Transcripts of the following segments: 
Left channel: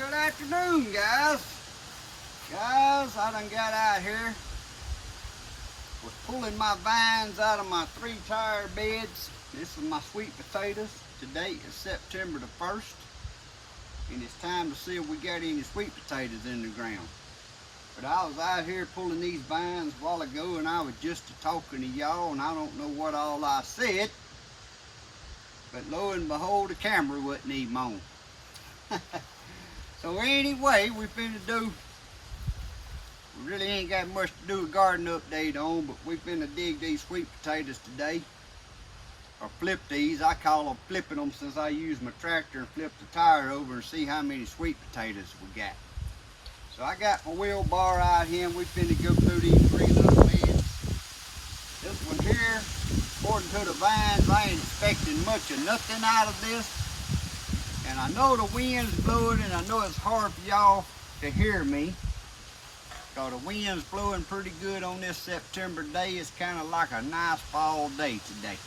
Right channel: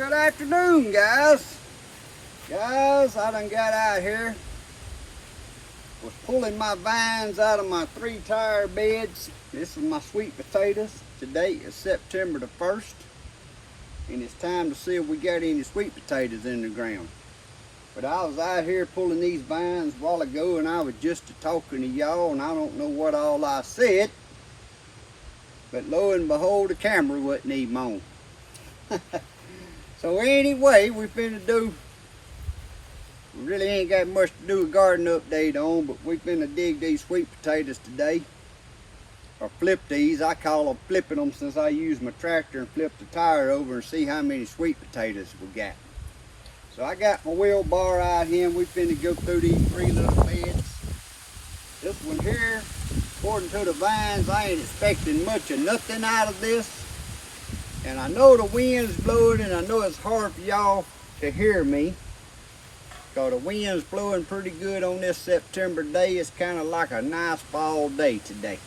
Good afternoon, guys. I done got out here. Was pulling my vines out of my 3-tire beds. This is my sweet potatoes. Today is September the 1st. And it's time to see if we got any sweet potatoes in the ground. But I was out here pulling these vines a while ago and I was just talking to y'all and I don't know what all I said. But lo and behold, the camera wasn't even on. So anyway, we really ain't got much to do a garden update on, but we finna dig these sweet potatoes today. Or flip these. I call them flipping them since I use my tractor and flip the tire over and see how many sweet potatoes we got. So I got my wheelbarrow out here and we finna go through these 3 little beds. This one here, according to the vines, I ain't expecting much of nothing out of this. And I know the wind's blowing and I know it's hard for y'all to hear me. Because the wind's blowing pretty good on this September day. It's kind of like a nice fall day today.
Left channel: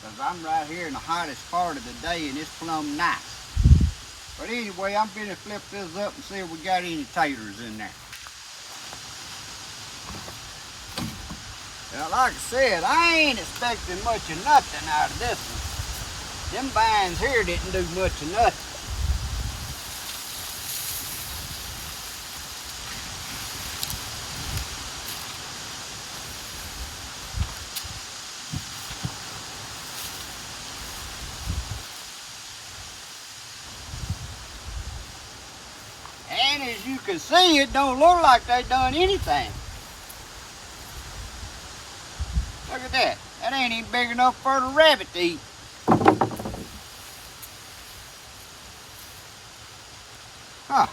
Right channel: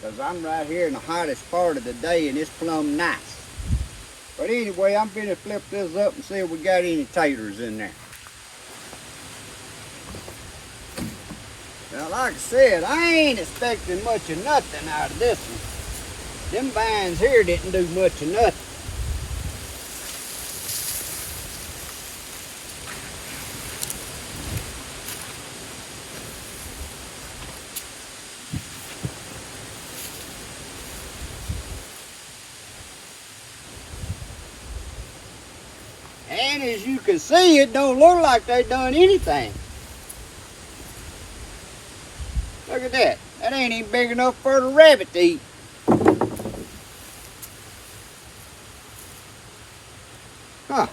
Because I'm right here in the hottest part of the day and it's plumb nice. But anyway, I'm going to flip this up and see if we got any taters in there. Well, like I said, I ain't expecting much of nothing out of this one. Them vines here didn't do much of nothing. And as you can see, it don't look like they done anything. Look at that. That ain't even big enough for the rabbit to eat. Huh.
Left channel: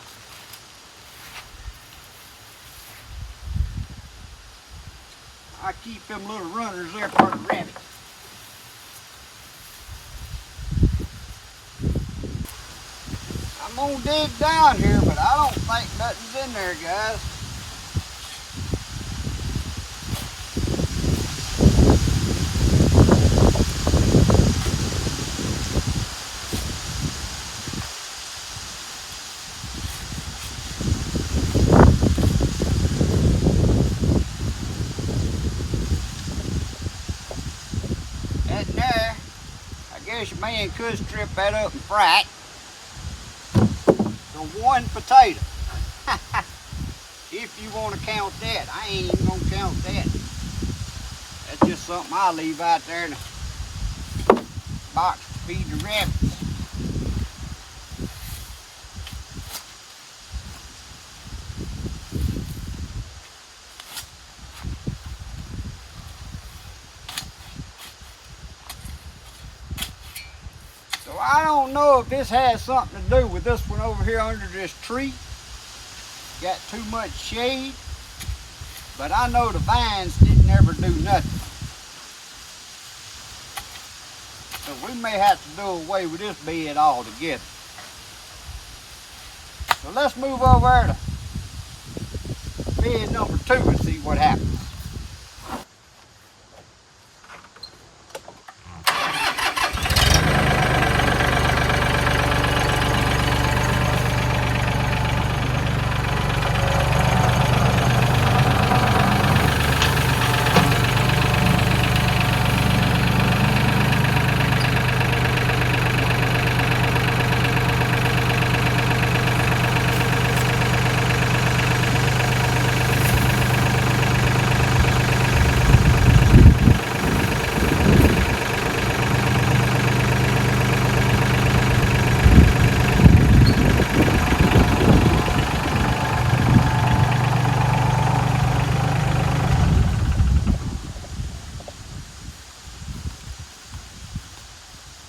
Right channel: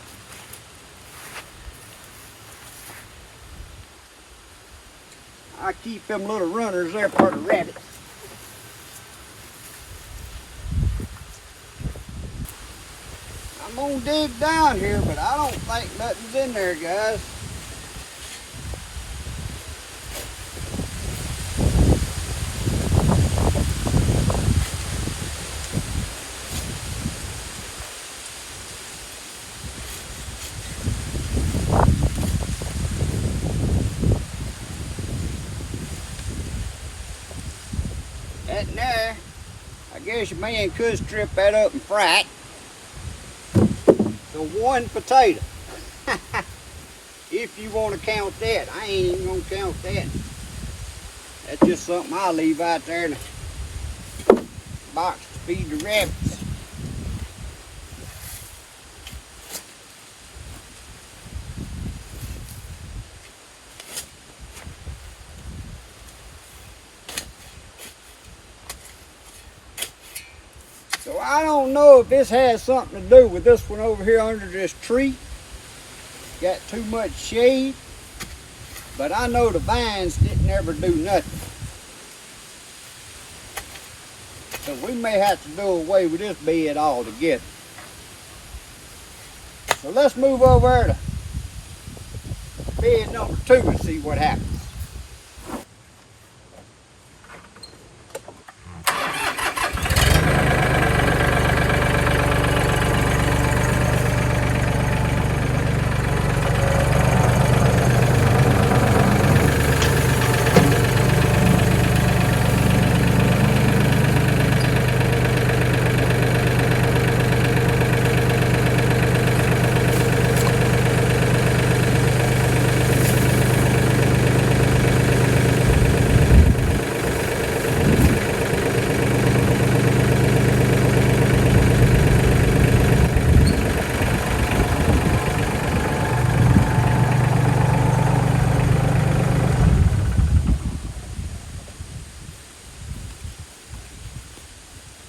I keep them little runners there for the rabbits. I'm gonna dig down here, but I don't think nothing's in there, guys. That there, I guess a man could strip that up and fry it. So 1 potato. If you want to count that. I ain't even gonna count that. That's just something I leave out there in the box to feed the rabbits. So I don't know if this has something to do with this one over here under this tree. Got too much shade. But I know the vines didn't ever do nothing. So we may have to do away with this bed altogether. So let's move over to bed number 2 and see what happens.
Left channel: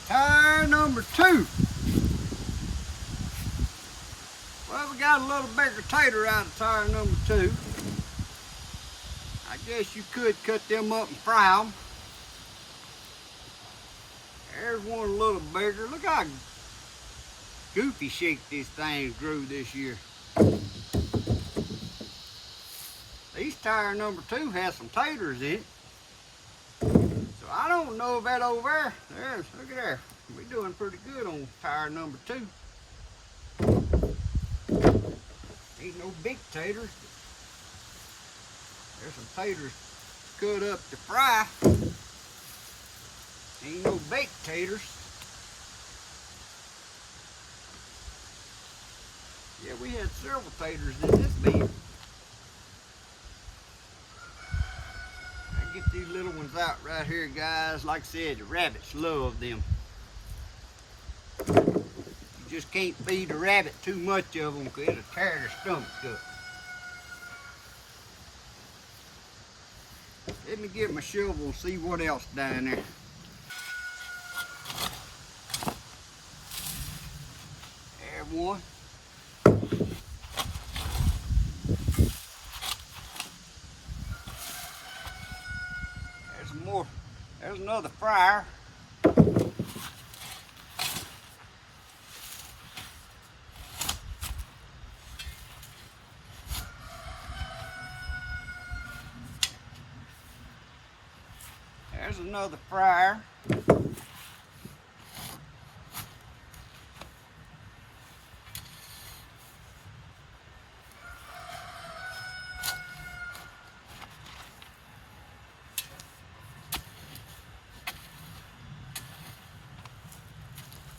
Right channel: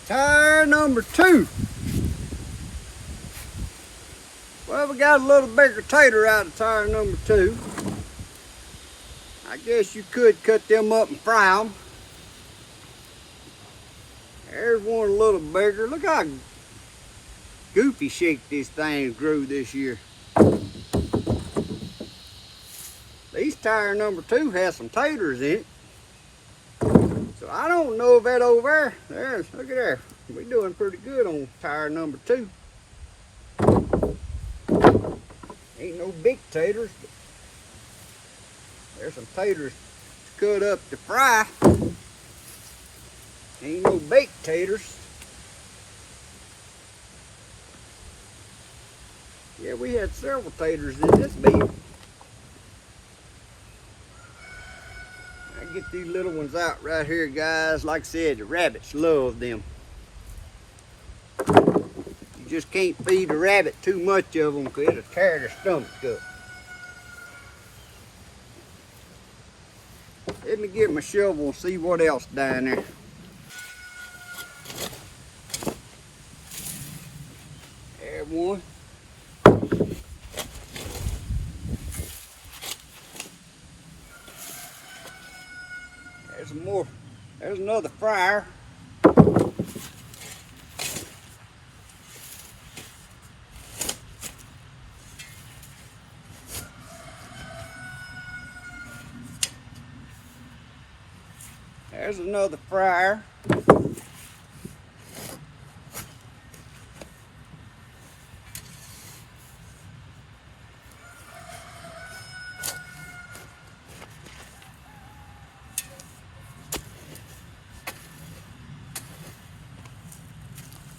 Tire number 2. Well, we got a little bigger tater out of tire number 2. I guess you could cut them up and fry them. There's one a little bigger. Look how goofy shaped this thing grew this year. These tire number 2 has some taters in it. So I don't know if that over there, look at there. We're doing pretty good on tire number 2. Ain't no big taters, but there's some taters cut up to fry. Ain't no baked taters. Yeah, we had several taters in this bed. I get these little ones out right here, guys. Like I said, the rabbits love them. You just can't feed a rabbit too much of them because it'll tear their stomach up. Let me get my shovel and see what else down there. There's one. There's some more. There's another fryer. There's another fryer.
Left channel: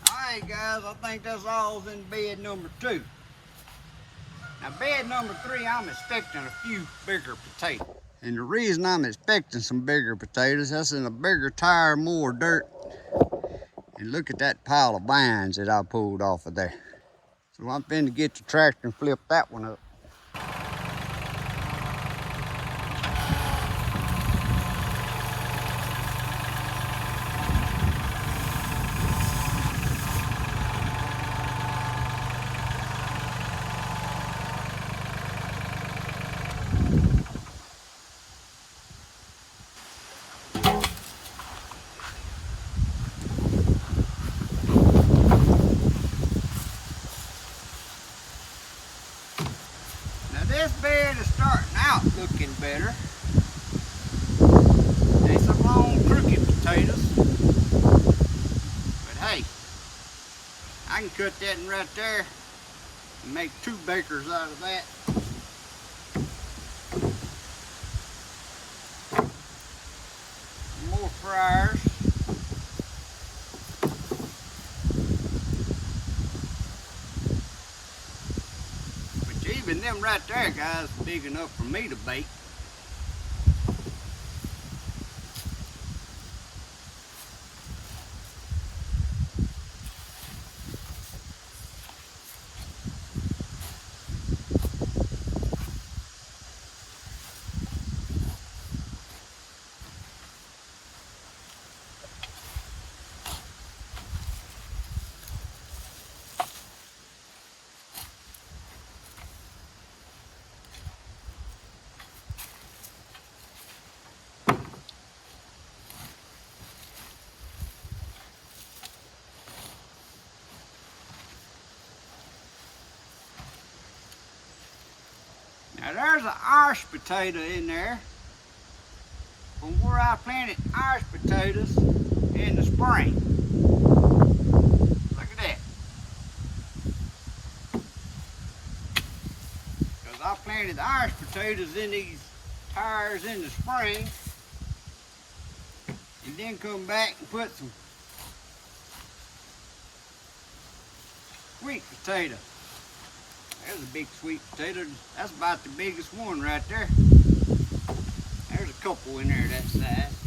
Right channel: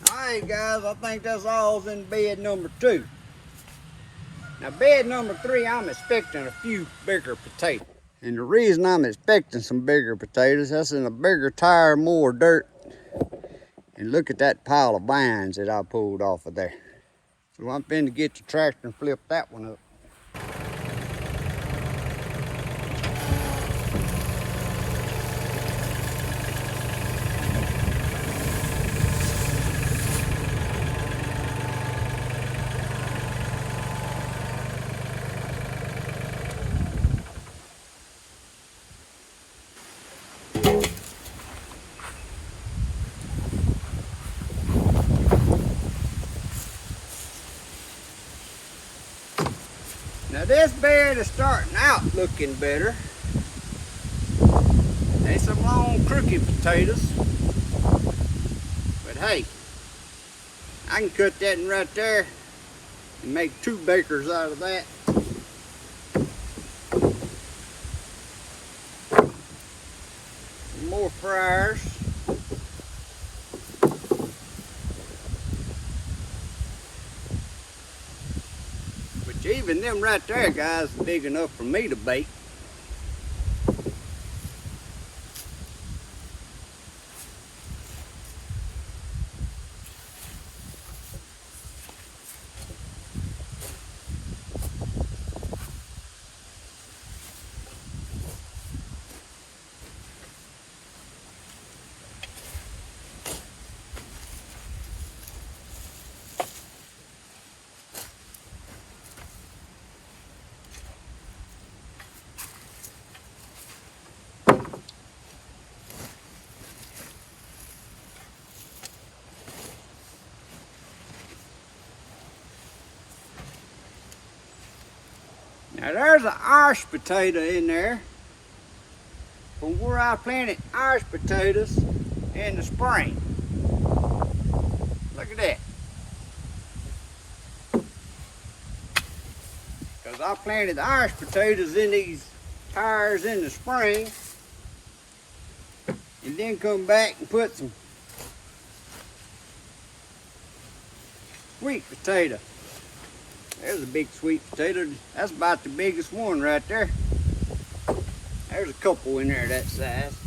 Alright guys, I think that's all in bed number 2. Now bed number 3, I'm expecting a few bigger potatoes. And the reason I'm expecting some bigger potatoes, that's in a bigger tire, more dirt. And look at that pile of vines that I pulled off of there. So I'm finna get the tractor and flip that one up. Now this bed is starting out looking better. There's some long crooked potatoes. But hey, I can cut that in right there and make 2 bakers out of that. More fryers. Which even them right there, guys, big enough for me to bake. Now there's an Irish potato in there from where I planted Irish potatoes in the spring. Look at that. Because I planted Irish potatoes in these tires in the spring and then come back and put some sweet potato. There's a big sweet potato. That's about the biggest one right there. There's a couple in there that size.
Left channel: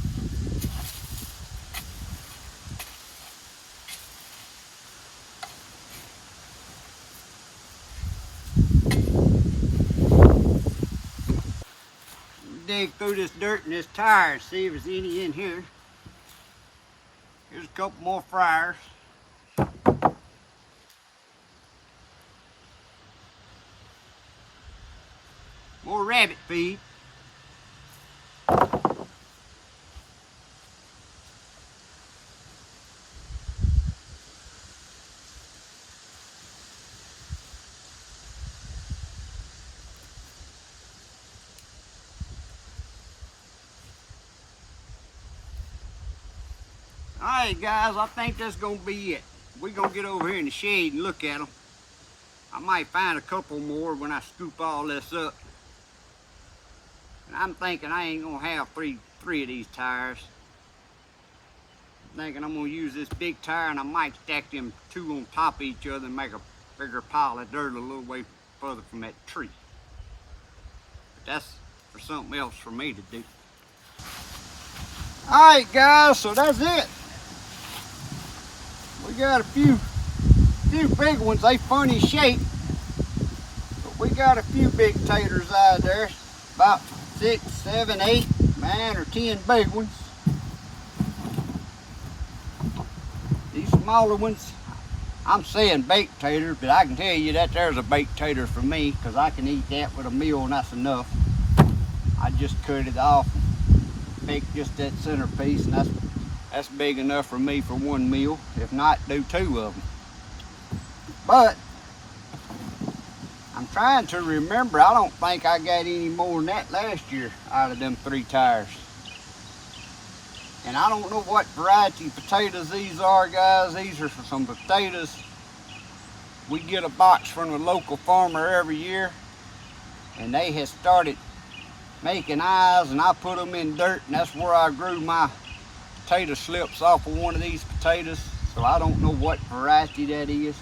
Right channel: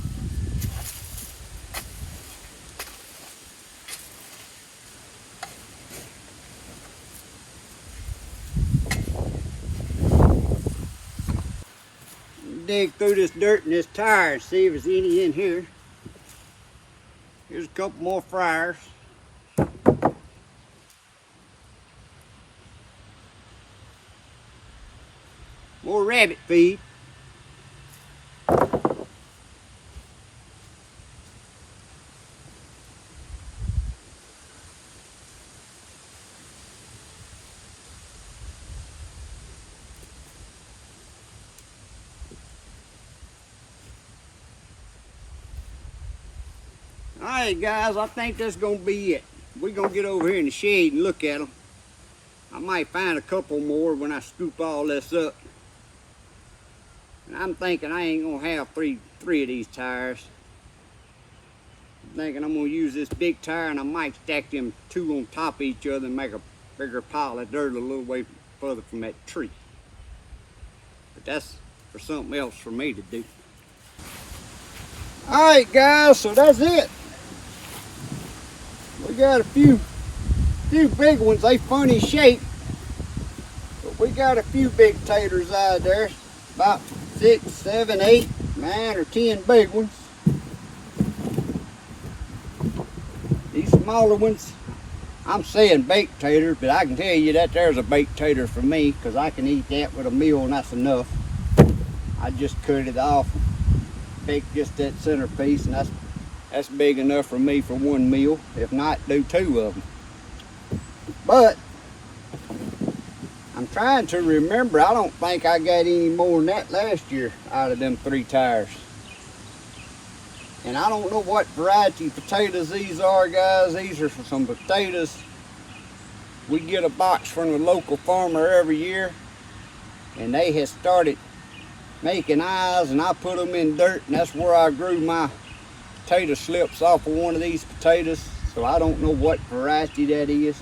Dig through this dirt in this tire and see if there's any in here. Here's a couple more fryers. More rabbit feed. Alright guys, I think that's going to be it. We're going to get over here in the shade and look at them. I might find a couple more when I scoop all this up. And I'm thinking I ain't gonna have three of these tires. I'm thinking I'm gonna use this big tire and I might stack them two on top of each other and make a bigger pile of dirt a little way further from that tree. But that's for something else for me to do. Alright guys, so that's it. We got a few big ones, they funny shape. But we got a few big taters out there. About 6, 7, 8, 9 or 10 big ones. These smaller ones, I'm saying baked taters, but I can tell you that there's a baked tater for me because I can eat that with a meal and that's enough. I just cut it off and bake just that centerpiece, and that's big enough for me for one meal. If not, do 2 of them. But I'm trying to remember, I don't think I got any more than that last year out of them 3 tires. And I don't know what variety of potatoes these are, guys. These are some potatoes. We get a box from a local farmer every year, and they have started making eyes, and I put them in dirt, and that's where I grew my potato slips off of one of these potatoes. So I don't know what variety that is,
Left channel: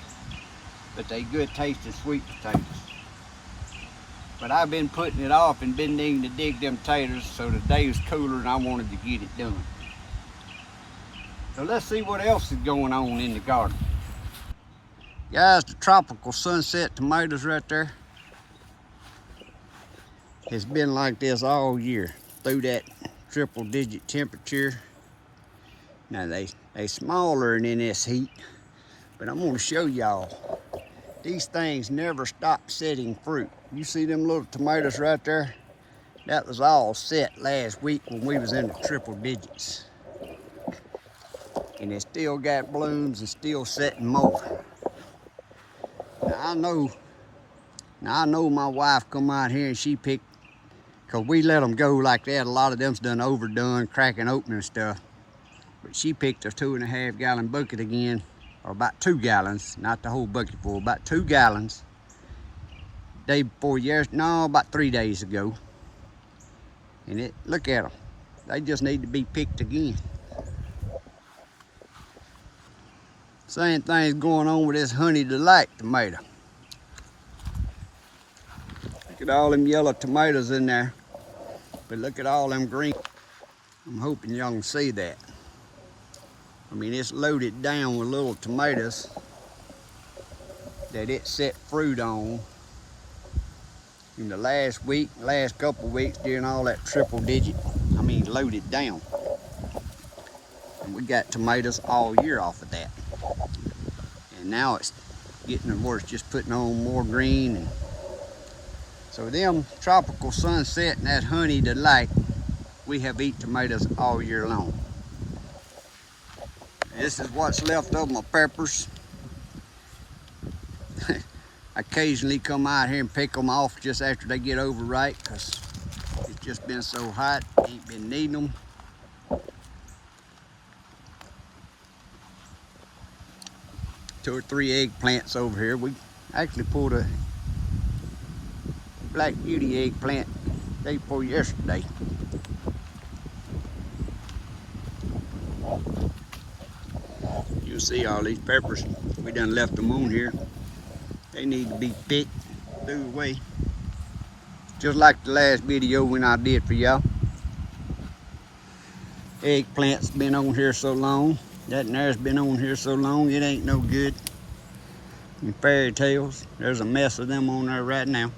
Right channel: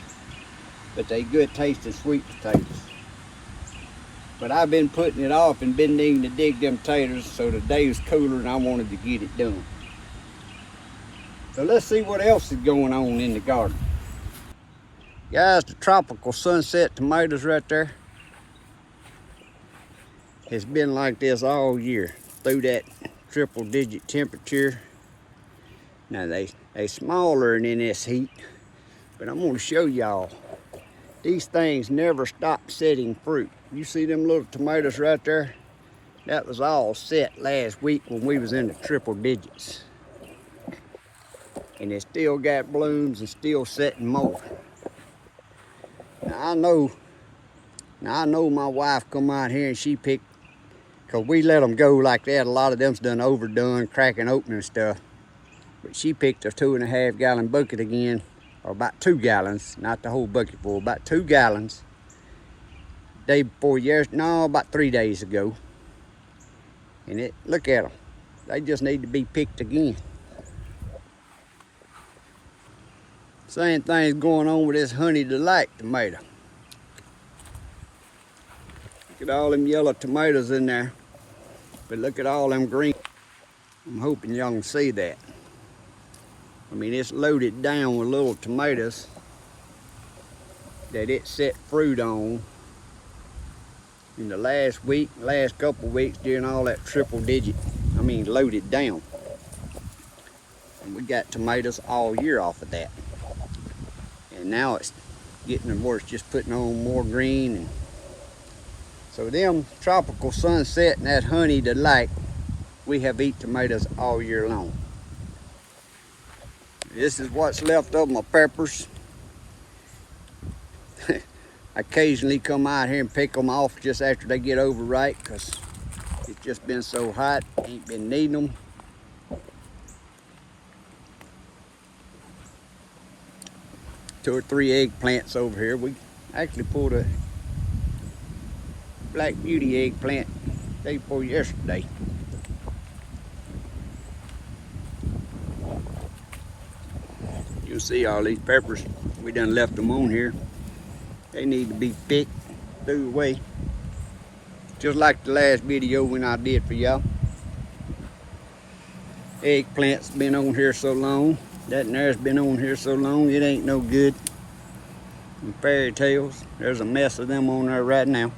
but they good tasting sweet potatoes. But I've been putting it off and been needing to dig them taters, so the day was cooler and I wanted to get it done. So let's see what else is going on in the garden. Guys, the tropical sunset tomatoes right there has been like this all year through that triple-digit temperature. Now they smaller in this heat, but I'm going to show y'all. These things never stop setting fruit. You see them little tomatoes right there? That was all set last week when we was in the triple digits. And it still got blooms and still setting more. Now I know my wife come out here and she picked, cause we let them go like that. A lot of them's done overdone, cracking open and stuff. But she picked a 2.5 gallon bucket again, or about 2 gallons, not the whole bucket full, about 2 gallons. Day before about 3 days ago. And look at them. They just need to be picked again. Same thing's going on with this Honey Delight tomato. Look at all them yellow tomatoes in there. But look at all them green. I'm hoping y'all can see that. I mean, it's loaded down with little tomatoes that it set fruit on in the last couple weeks during all that loaded down. And we got tomatoes all year off of that. And now it's getting worse, just putting on more green. And so them tropical sunset and that Honey Delight, we have eat tomatoes all year long. This is what's left of my peppers. I occasionally come out here and pick them off just after they get overripe because it's just been so hot, ain't been needing them. 2 or 3 eggplants over here. We actually pulled a Black Beauty eggplant day before yesterday. You'll see all these peppers. We done left them on here. They need to be picked, threw away. Just like the last video when I did for y'all. Eggplant's been on here so long. That and there's been on here so long, it ain't no good. And fairy tales, there's a mess of them on there right now.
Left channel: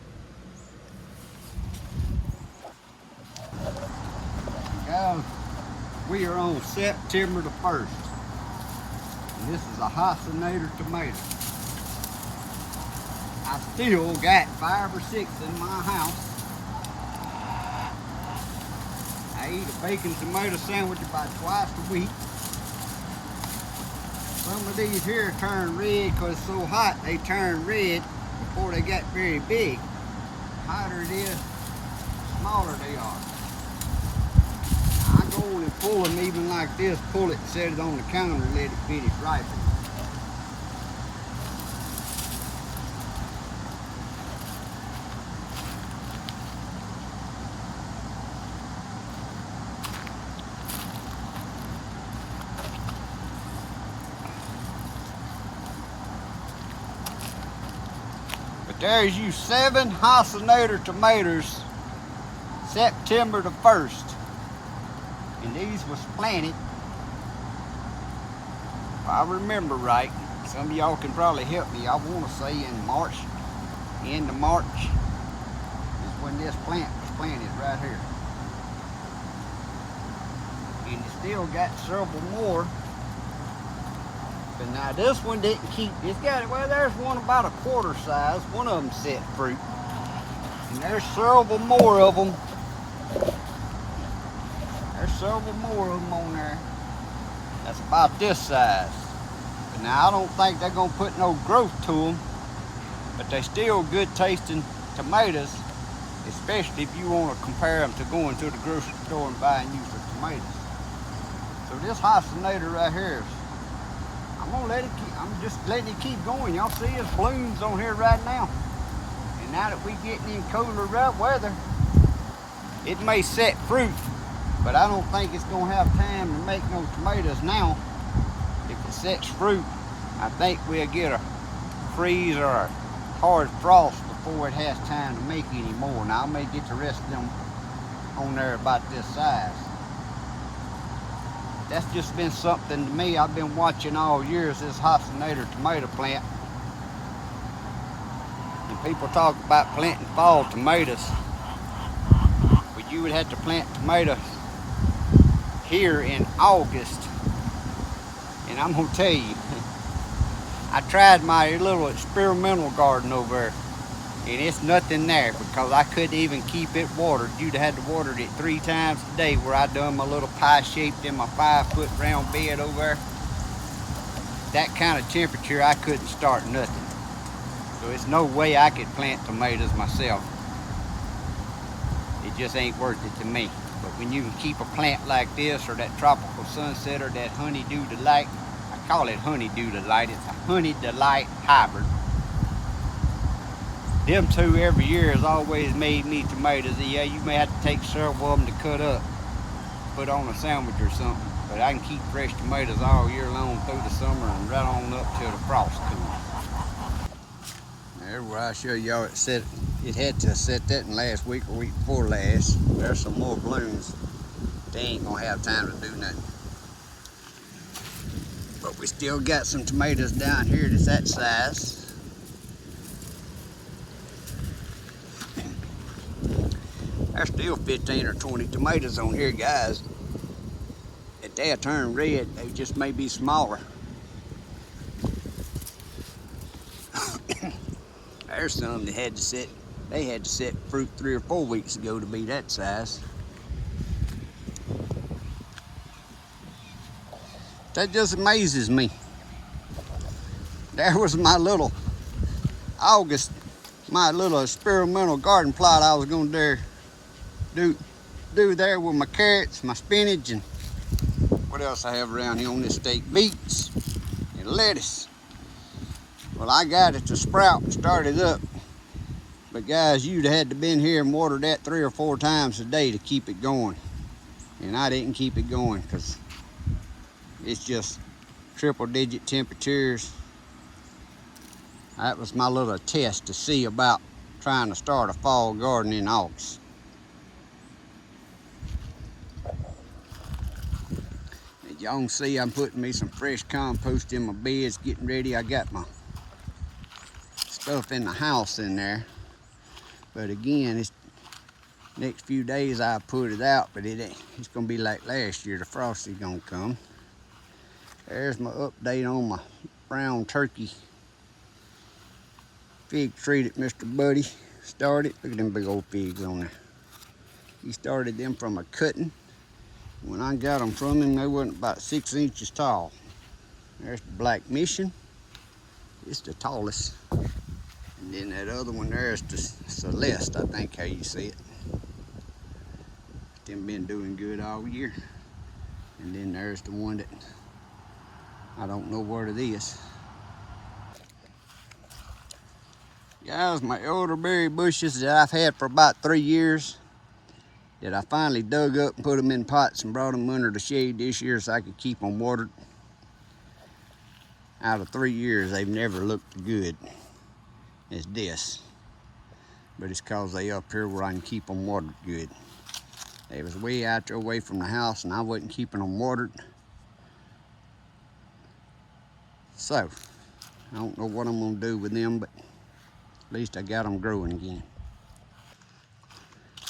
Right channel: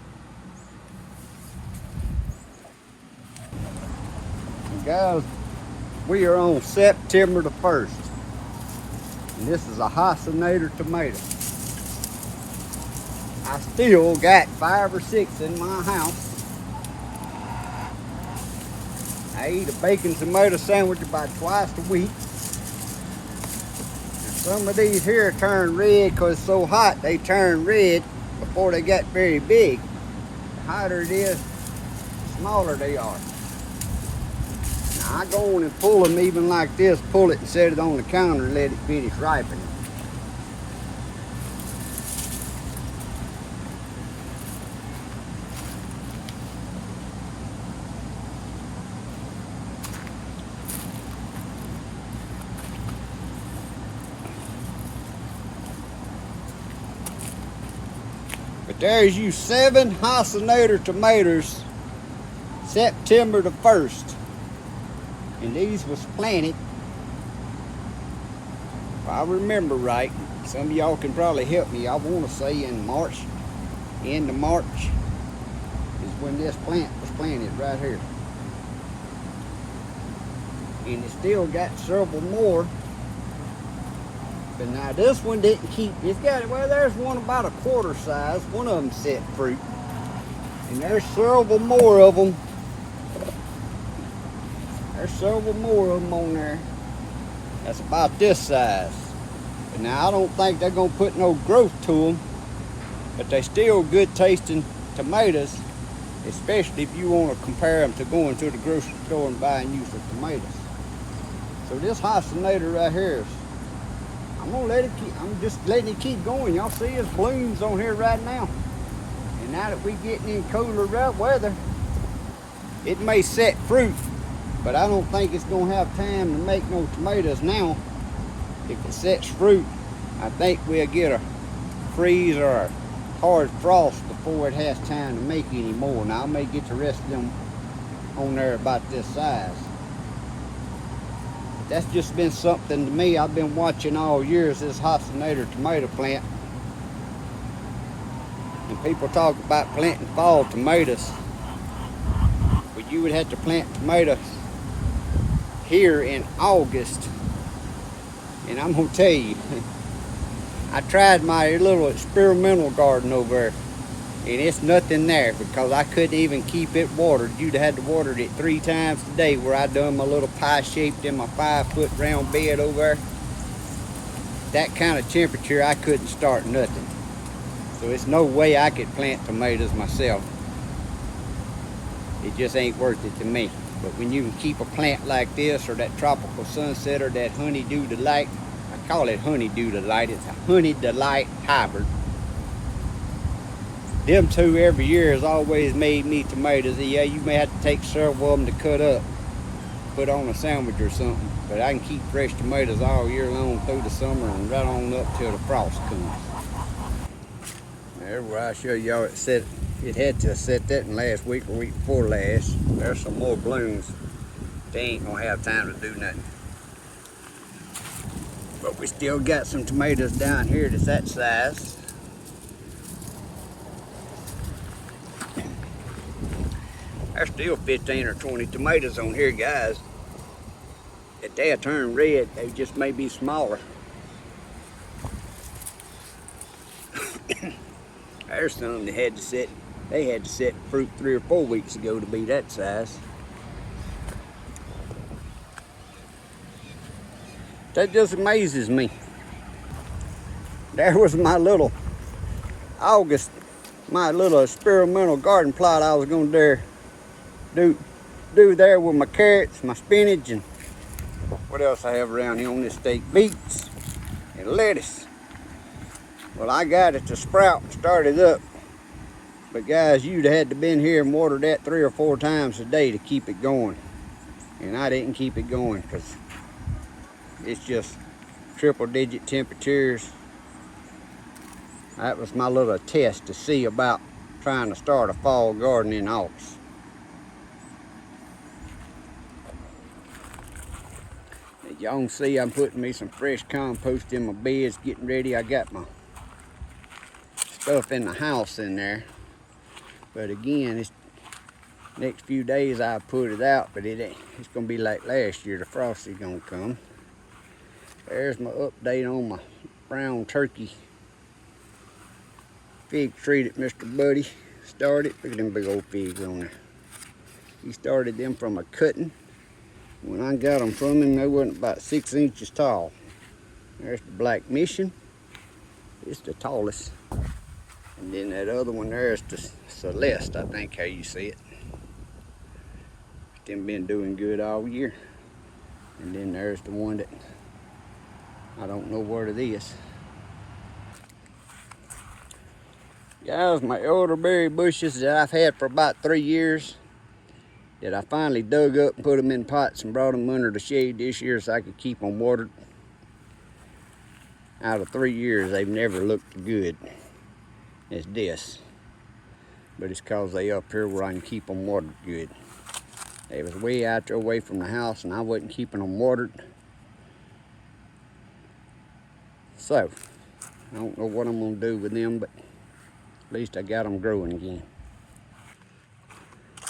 And guys, we are on September the 1st. And this is a Hostinator tomato. I still got 5 or 6 in my house. I eat a bacon tomato sandwich about twice a week. Some of these here turn red because it's so hot, they turn red before they get very big. The hotter it is, the smaller they are. Now I go on and pull them even like this, pull it and set it on the counter and let it finish ripening. There's you 7 Hostinator tomatoes September the 1st. And these was planted, if I remember right, some of y'all can probably help me, I want to say in March, end of March is when this plant was planted right here. And it still got several more. But now this one didn't keep, it's got, well, there's one about a quarter size, one of them set fruit. And there's several more of them. There's several more of them on there. That's about this size. But now I don't think they're gonna put no growth to them, but they still good tasting tomatoes, especially if you want to compare them to going to the grocery store and buying you some tomatoes. So this Hostinator right here, I'm gonna let it keep, I'm just letting it keep going. Y'all see its blooms on here right now. And now that we getting in cooler weather, it may set fruit, but I don't think it's gonna have time to make no tomatoes now. If it sets fruit, I think we'll get a freeze or a hard frost before it has time to make any more. Now I may get the rest of them on there about this size. That's just been something to me. I've been watching all years this Hostinator tomato plant. And people talk about planting fall tomatoes, but you would have to plant tomatoes here in August. And I'm gonna tell you, I tried my little experimental garden over there, and it's nothing there because I couldn't even keep it watered. You'd had to water it 3 times a day where I done my little pie shaped in my 5-foot round bed over there. That kind of temperature, I couldn't start nothing. So it's no way I could plant tomatoes myself. It just ain't worth it to me. But when you can keep a plant like this, or that tropical sunset, or that honeydew delight, I call it honeydew delight, it's a honey delight hybrid. Them two every year has always made me tomatoes. Yeah, you may have to take several of them to cut up, put on a sandwich or something, but I can keep fresh tomatoes all year long through the summer and right on up till the frost comes. There where I show y'all it had to set that in last week or week before last. There's some more blooms. They ain't gonna have time to do nothing. But we still got some tomatoes down here that's that size. There's still 15 or 20 tomatoes on here, guys. If they'll turn red, they just may be smaller. There's some that had to set, they had to set fruit 3 or 4 weeks ago to be that size. That just amazes me. There was my little August, my little experimental garden plot I was gonna do there with my carrots, my spinach, and what else I have around here on this stake, beets and lettuce. Well, I got it to sprout and started up. But guys, you'd had to been here and watered that 3 or 4 times a day to keep it going. And I didn't keep it going because it's just triple-digit temperatures. That was my little test to see about trying to start a fall garden in August. As y'all can see, I'm putting me some fresh compost in my beds, getting ready. I got my stuff in the house in there. But again, it's next few days I put it out, but it ain't, it's gonna be like last year. The frost is gonna come. There's my update on my brown turkey fig tree that Mr. Buddy started. Look at them big old figs on there. He started them from a cutting. When I got them from him, they wasn't about 6 inches tall. There's the Black Mission. It's the tallest. And then that other one there is the Celeste, I think how you see it. Them been doing good all year. And then there's the one that I don't know what it is. Guys, my elderberry bushes that I've had for about 3 years, that I finally dug up and put them in pots and brought them under the shade this year so I could keep them watered. Out of 3 years, they've never looked good as this. but it's cause they up here where I can keep them watered good. They was way out there away from the house and I wasn't keeping them watered. So, I don't know what I'm gonna do with them, but at least I got them growing again.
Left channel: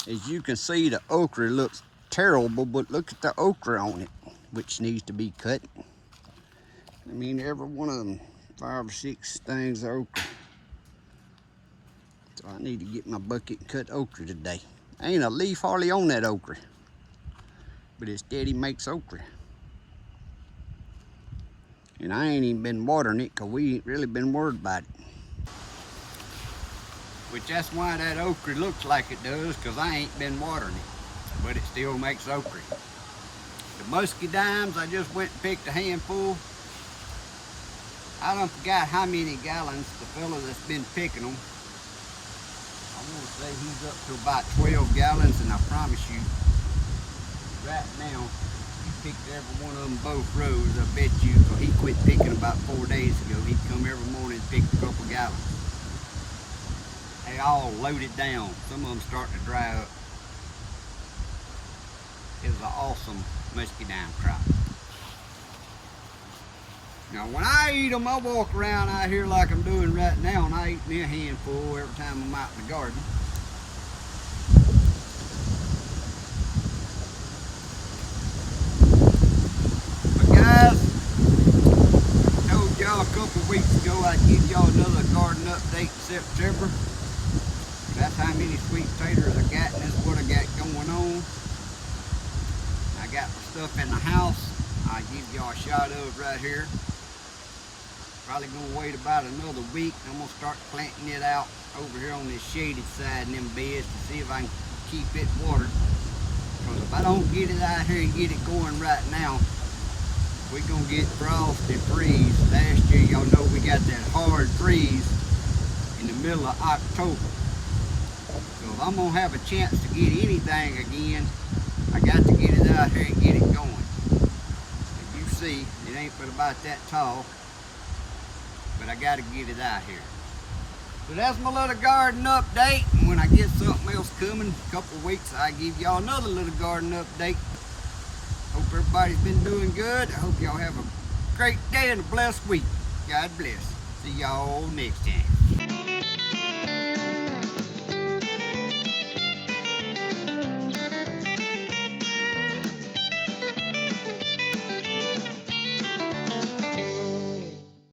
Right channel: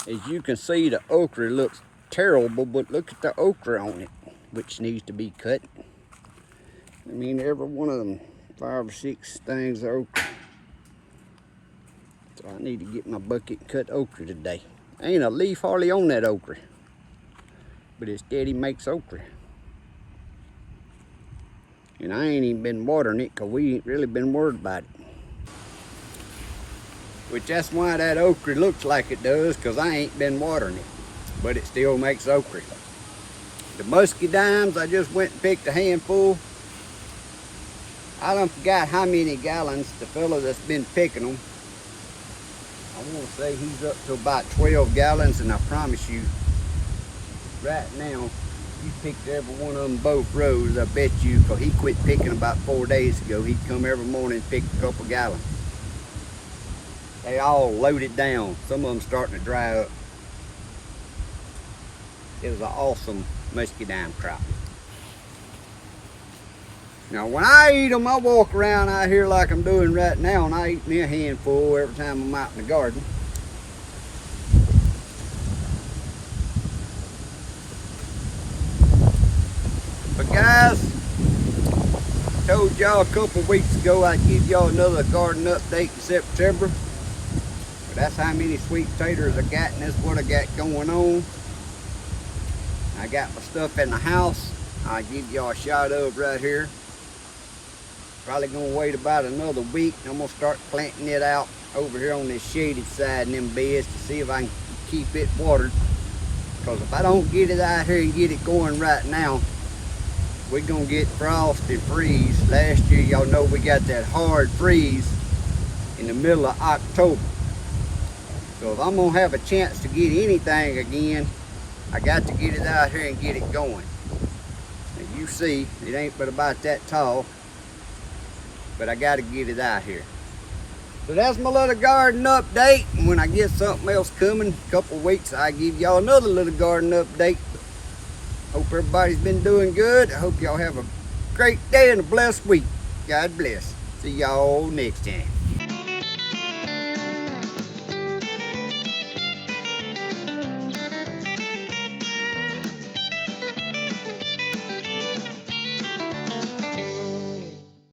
As you can see, the okra looks terrible, but look at the okra on it, which needs to be cut. I mean, every one of them, 5 or 6 things of okra. So I need to get my bucket and cut okra today. Ain't a leaf hardly on that okra, but it steady makes okra. And I ain't even been watering it because we ain't really been worried about it. Which that's why that okra looks like it does, because I ain't been watering it. But it still makes okra. The musky dimes, I just went and picked a handful. I done forgot how many gallons the fella that's been picking them. I want to say he's up to about 12 gallons, and I promise you, right now, he picked every one of them both rows, I bet you, because he quit picking about 4 days ago. He'd come every morning and pick a couple gallons. They all loaded down. Some of them starting to dry up. It was an awesome musky dime crop. Now when I eat them, I walk around out here like I'm doing right now, and I eat me a handful every time I'm out in the garden. But guys, I told y'all a couple weeks ago I'd give y'all another garden update in September. But that's how many sweet potatoes I got, and that's what I got going on. I got my stuff in the house. I'll give y'all a shot of right here. Probably gonna wait about another week, and I'm gonna start planting it out over here on this shaded side in them beds to see if I can keep it watered. Because if I don't get it out here and get it going right now, we're gonna get frost and freeze. Last year, y'all know we got that hard freeze in the middle of October. So if I'm gonna have a chance to get anything again, I got to get it out here and get it going. And you see, it ain't but about that tall, but I got to get it out here. So that's my little garden update. And when I get something else coming, a couple weeks, I'll give y'all another little garden update. Hope everybody's been doing good. I hope y'all have a great day and a blessed week. God bless. See y'all next time.